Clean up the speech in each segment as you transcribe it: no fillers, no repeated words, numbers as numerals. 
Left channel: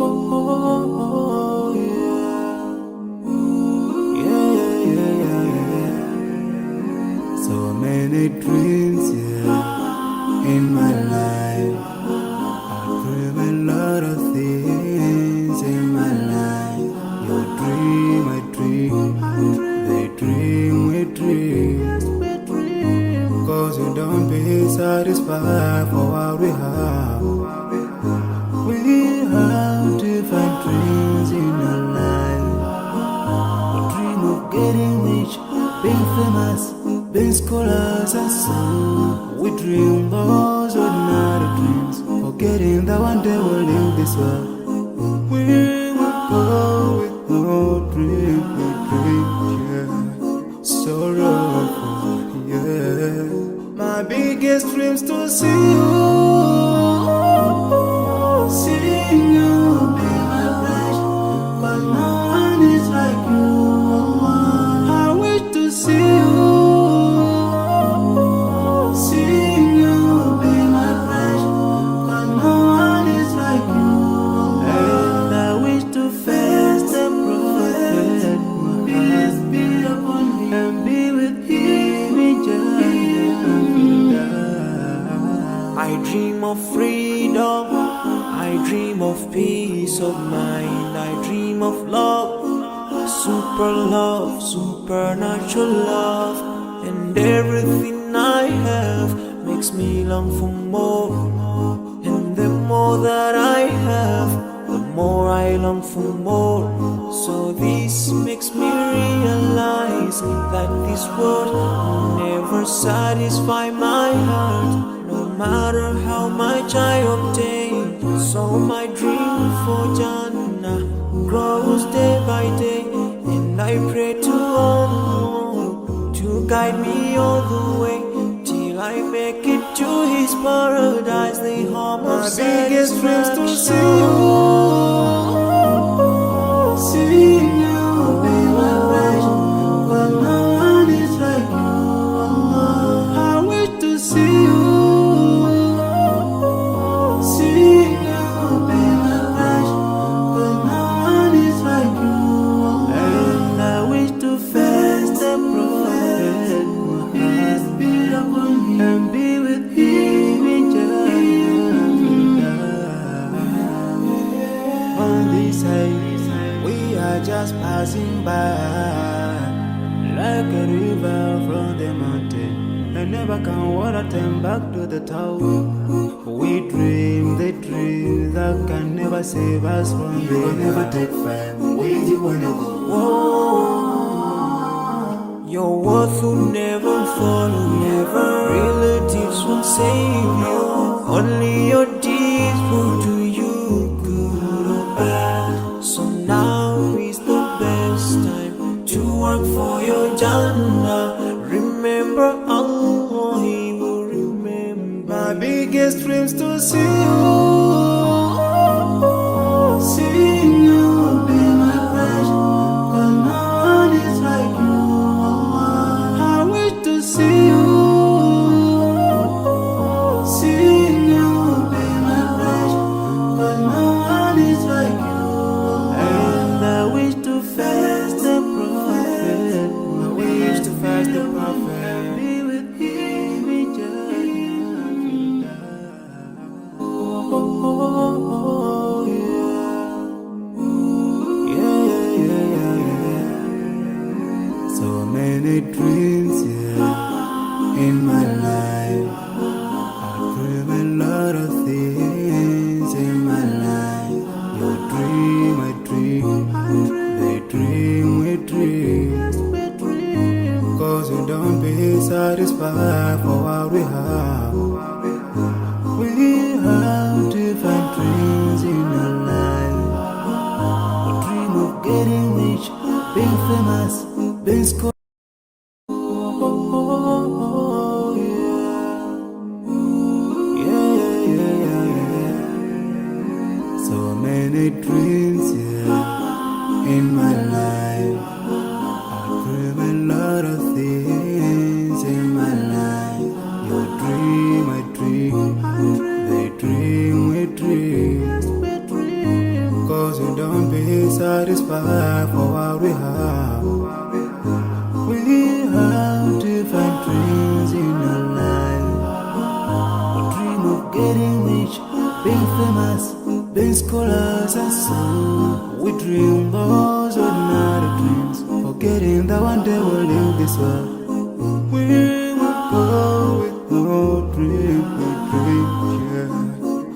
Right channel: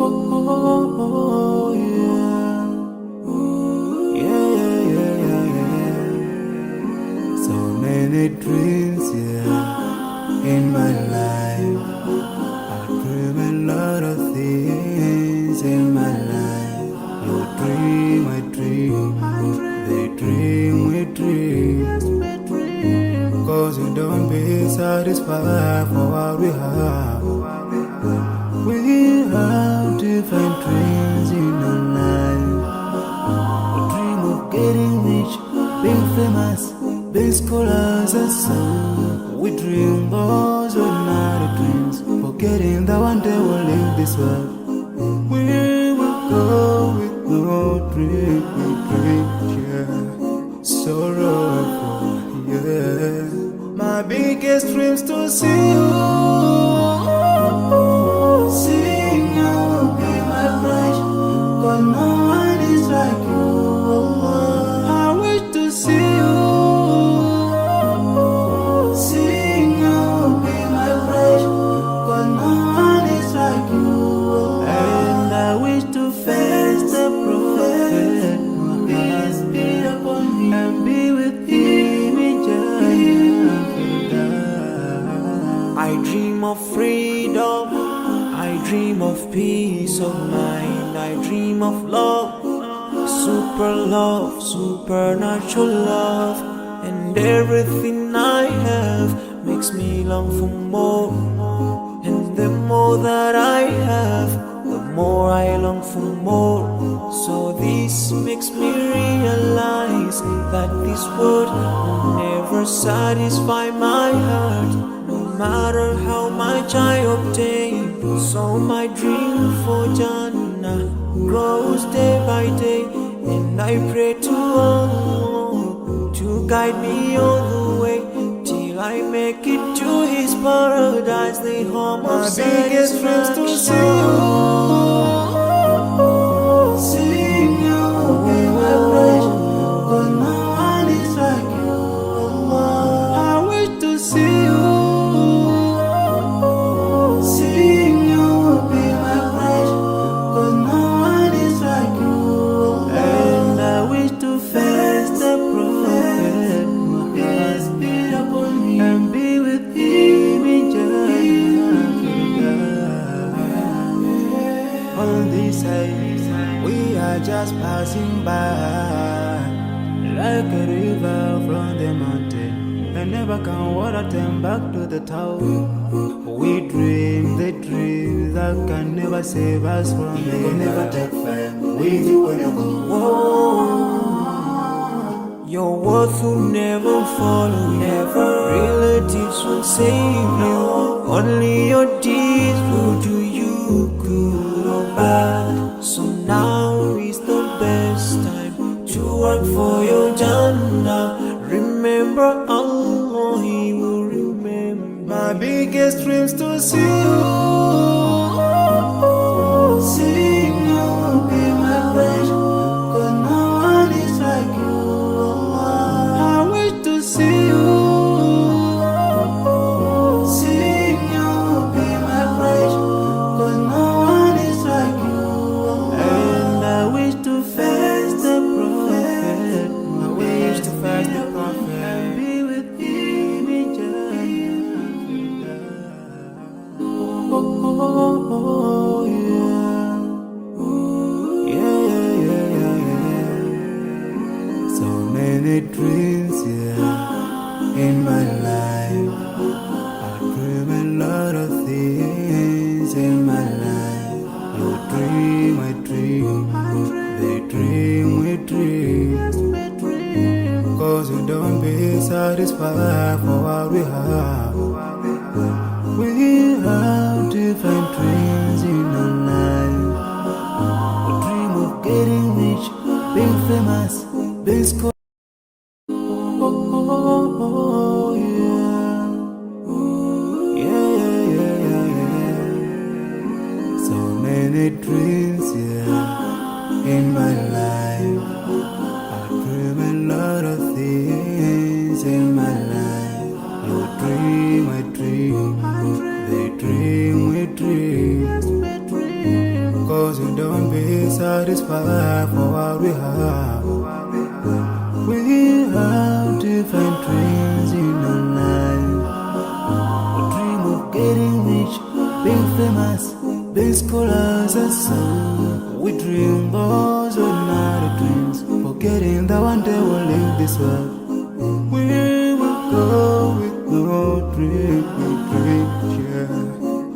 Oh, yeah. Yeah, yeah, yeah, yeah. So many dreams, yeah, in my life. I dream a lot of things in my life. You dream, I dream. They dream, we dream. Cause we don't be satisfied for what we have. We have different dreams in our life. We dream of getting rich, being famous, being scholars and so. We dream those ordinary dreams, forgetting that one day we'll leave this world. We will go with no dream, we dream, yeah. Sorrowful, yeah. My biggest dreams to see you. Seeing you be my flesh, but no one is like you. I wish to see you. Seeing you be my flesh, but no one is like you. And I wish to face the prophet Muhammad and be with him in Jannah. I dream of freedom, I dream of peace of mind, I dream of love, supernatural love, and everything I have makes me long for more. And the more that I have, the more I long for more. So this makes me realize that this world will never satisfy my heart, no matter how much I obtain. So my dream for Jannah grows day by day, and I pray to Allah to guide me all the way till I make it to His paradise, the home of satisfaction. My biggest dreams to see you. Seeing you be my flesh, but no one is like you. I wish to see you. Seeing you be my flesh, but no one is like you. And I wish to face the prophet Muhammad and be with him in Jannah. On this side, we are just passing by, like a river from the mountain, and never can water turn back to the town. We dream the dreams that can never save us from the We'll never take fire with you when you go. Whoa. Your worth will never follow you. Relatives won't save you. Only your deeds will do you good or bad. So now is the best time to work for your Jannah. Remember Allah, He will remember. My biggest dreams to see you. Seeing you be my flesh, cause no one is like you. I wish to see you. Seeing you be my flesh, cause no one is like you. And I wish to face the prophet. I wish to face the prophet and be with him in Jannah. Oh, yeah. Yeah, yeah, yeah, yeah. So many dreams, yeah, in my life. I dream a lot of things in my life. You dream, I dream. They dream, we dream. Cause we don't be satisfied for what we have. We have different dreams in our life. We dream of getting rich, being famous, being scholars. Oh, yeah. Yeah, yeah, yeah, yeah. So many dreams, yeah, in my life. I dream a lot of things in my life. You dream, I dream. They dream, we dream. 'cause we don't be satisfied for what we have. We have different dreams in our life. We dream of getting rich, being famous, being scholars and so. We dream those ordinary dreams, forgetting that one day we'll leave this world. We will go with no dream, we dream, yeah.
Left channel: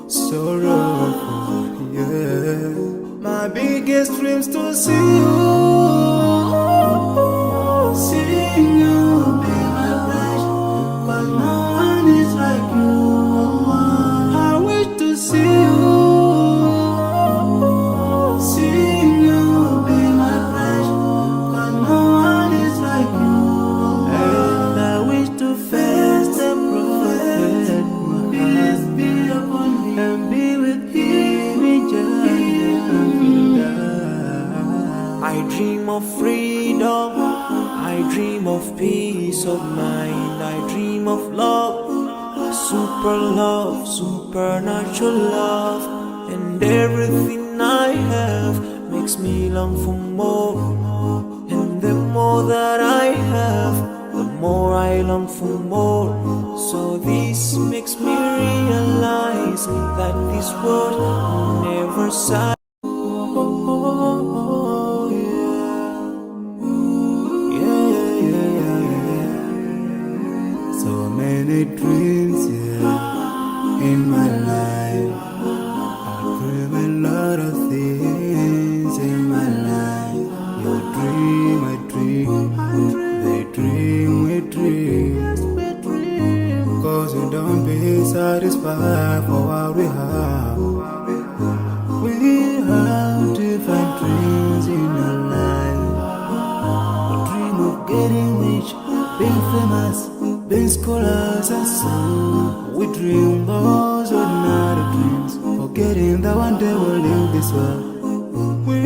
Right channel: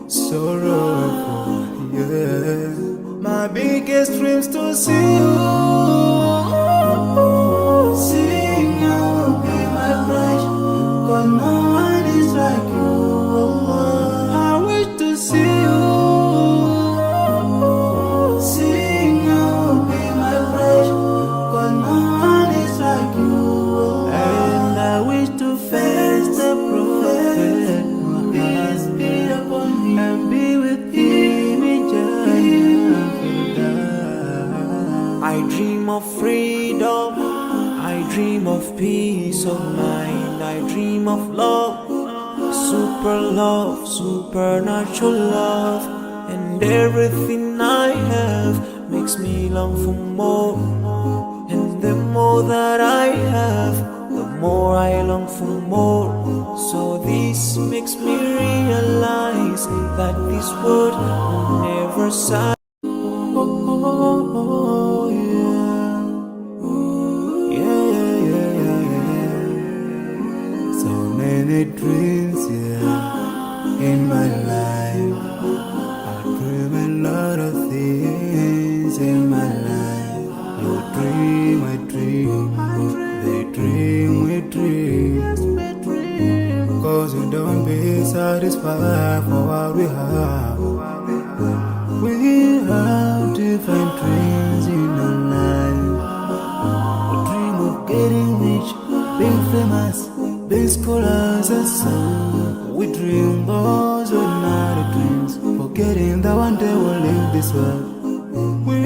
Sorrowful, yeah. My biggest dreams to see you, seeing you be my pleasure, 'cause no one is like you. I wish to see you, seeing you be my pleasure, 'cause no one is like you. And I wish to face the prophet Muhammad and be with him in Jannah. I dream of freedom, I dream of peace of mind, I dream of love, supernatural love, and everything I have makes me long for more. And the more that I have, the more I long for more. So this makes me realize that this world will never satisfy. Oh, yeah. Yeah, yeah, yeah, yeah. So many dreams, yeah, in my life. I dream a lot of things in my life. You dream, I dream. They dream, we dream. 'Cause we don't be satisfied for what we have. We have different dreams in our life. We dream of getting rich, being famous, being scholars and so. We dream those ordinary dreams, forgetting that one day we'll leave this world. We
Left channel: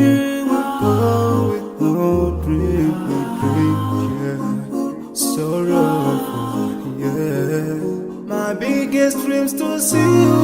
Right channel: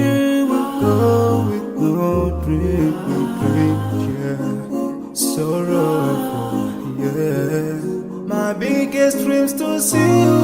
will go with no dream, we dream, yeah. Sorrowful, yeah. My biggest dreams to see you,